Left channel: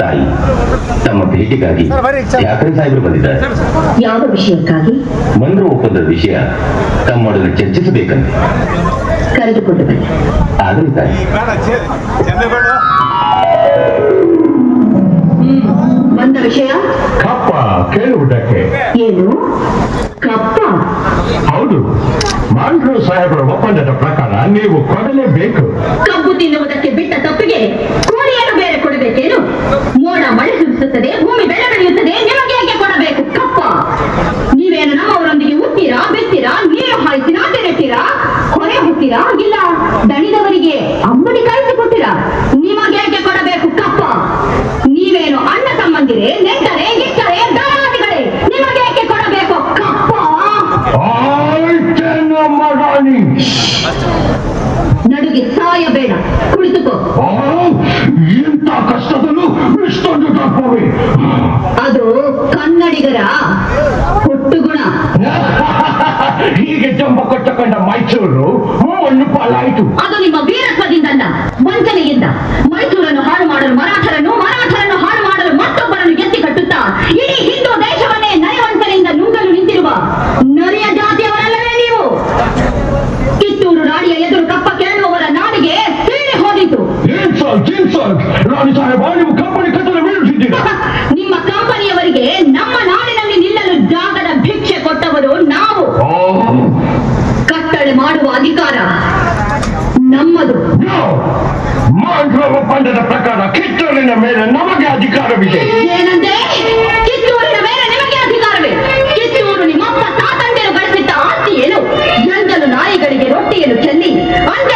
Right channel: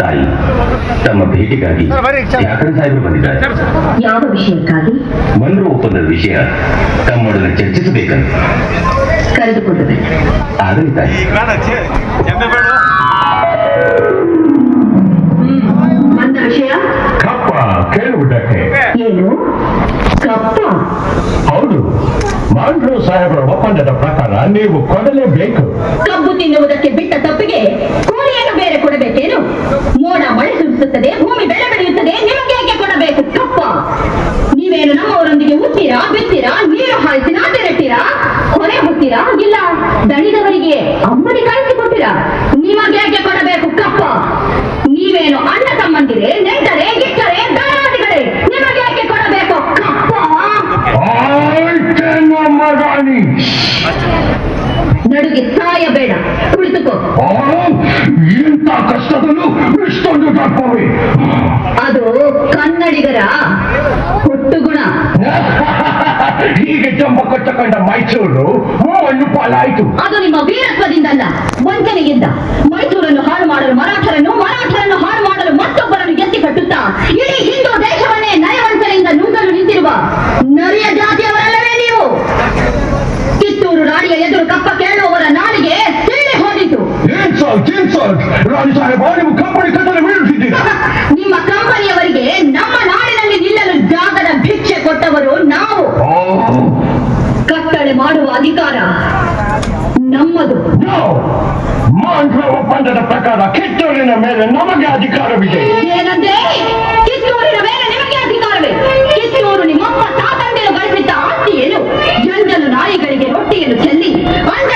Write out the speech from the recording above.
ತಾಯಿ, ತಮ್ಮ ಭೇಟಿಗಾಗಿ ಯಾಕರೆ ಸಾಹೇಬರು ಬಂದಿದ್ದಾರೆ. ಯಾವ ವಿಷಯಕ್ಕಾಗಿ? ಮನ್ರು ಒಪ್ಪಂದದ ವಿಷಯ ತಮ್ಮೊಡನೆ ಚರ್ಚಿಸಬೇಕಂತ ಕರೆದುಕೊಂಡು ಬನ್ನಿ. ಆಗಲಿ ತಾಯಿ. ಬಂದ ವಿಷಯ ಕಪ್ಪ ಕೇಳುವುದಕ್ಕೆ. ಏನು ಕಪ್ಪ? ಹೌದು, ಮಾಂಡ್ರು ಸಾಹೇಬರ ಒಪ್ಪಂದದ ಪ್ರಕಾರ ನೀವು ಕೊಡಲೇಬೇಕು. ಕಬ್ಬು ತಿನ್ನುವುದಕ್ಕೆ ಬಿಟ್ಟ ತಪ್ಪಿಗೆ ಕೋಳಿಯನ್ನು ಬೇರೆ ಕೊಡಬೇಕೇನು? ಮೋಡ ಮಳೆ ಸುರಿಸುತ್ತದೆ, ಭೂಮಿ ಬೆಳೆ ಬೆಳೆಯುತ್ತದೆ, ನಿಮಗೆ ಹೇಗೆ ಕೊಡಬೇಕು ಕಪ್ಪ? ನೀವೇನು ನಮ್ಮವರೊಂದಿಗೆ ಹುಟ್ಟಿರಾ, ಬಿತ್ತೀರಾ, ನೀರು ಹಾಯಿಸಿ ನಾಟಿ ನೆಟ್ಟಿರಾ, ಹೊರೆ ಹೊತ್ತೀರಾ, ಇಲ್ಲ ದಣಿದವರಿಗೆ ಅಂಬಲಿ ಕಾಯಿಸಿಕೊಟ್ಟಿರಾ? ನಿಮಗೆ ಹೇಗೆ ಕೊಡಬೇಕು ಕಪ್ಪ? ನೀವೇನು ಅಣ್ಣ ತಮ್ಮಂದಿರೇ, ನೆಂಟರೇ, ಗಿಟ್ಟರೆ, ದಳವಾದಿಗಳೇ? ನಿಮಗೆ ಹೇಗೆ ಕೊಡಬೇಕು ಕಪ್ಪ? ಮಗಾನಿ ನಡುಗೆ ಸಾಯಬೇಡ, ಕುಳಿತುಕೋ. ಇಂಥ ಕಷ್ಟದಲ್ಲೂ ಇಷ್ಟೊಂದು ತಪ್ಪವೇ? ಅದು ಕನ್ನಡಿಗರ ಹುಟ್ಟುಗುಣ. ಹೀಗೆ ಜಂಬ ಕೊಟ್ಟಕೊಂಡ ಮೈಸೂರು ಮಣ್ಣು ಪಾಲಾಯಿತು. ಅದು ನಿಮ್ಮ ವೀರತ್ವದಿಂದಲ್ಲ, ವಂಚನೆಯಿಂದ. ಮೈಸೂರನ್ನು ಹಾಳು ಮಾಡಲು ಮರಾಠರನ್ನು, ಮರಾಠರನ್ನು ಹಾಳು ಮಾಡಲು ಮತ್ತೊಬ್ಬರನ್ನು ಎತ್ತಿ ಕಟ್ಟುತ್ತಾ ಇಡೀ ಹಿಂದೂ ದೇಶವನ್ನೇ ನಯವಂಚನೆಯಿಂದ ನುಂಗಲು ನಿಂತಿರುವ ನರಿಯ ಜಾತಿಯವರಲ್ಲವೇ ನೀವು? ಕಿತ್ತೂರು ರಾಣಿಯ ಎದುರು ಕಪ್ಪ ಕೇಳುವವರ ನಾಡಿಗೆ ಸೀಳಿ ಹೋದಿತು. ರಾಣಿ ಸಾಹೇಬ, ನೀವು ಕಂಪನಿ ಕಟ್ಟಲು ಬೀಳಿಸಿದ್ದೀರಿ. ನಿಮ್ಮ ಕಂಪನಿಯವರಿಗೆ ನಮ್ಮ ನಾಡಿನಲ್ಲಿ ನಿಲ್ಲಲು ಜಾಗದ ಭಿಕ್ಷೆ ಕೊಟ್ಟವರು ನಾವು. ಕಟ್ಟಳೆ ಮಾಡುವ ಅಧಿಕಾರ ನಮ್ಮದು. ಮಾಂಡ್ರ ಒಪ್ಪಂದದ ಪ್ರಕಾರ ಕಿತ್ತೂರಿನ ಮೇಲೆ ನಮಗೆ ಅಧಿಕಾರವಿದೆ. ಏನಂತೆ? ಕಿತ್ತೂರಿನ ಮೇಲೆ ನಿಮಗೆ ಅಧಿಕಾರವೇ? ಕಿತ್ತೂರು ನಿಮ್ಮಪ್ಪ ತಾತಂದಿರು ಗಳಿಸಿದ್ದ ಆಸ್ತಿ ಏನು? ಗಂಗಲು ನಾಯಿಗಳಿಗೆ ರೊಟ್ಟಿಯನ್ನು ಚೆಲ್ಲಿ ಅಂಡ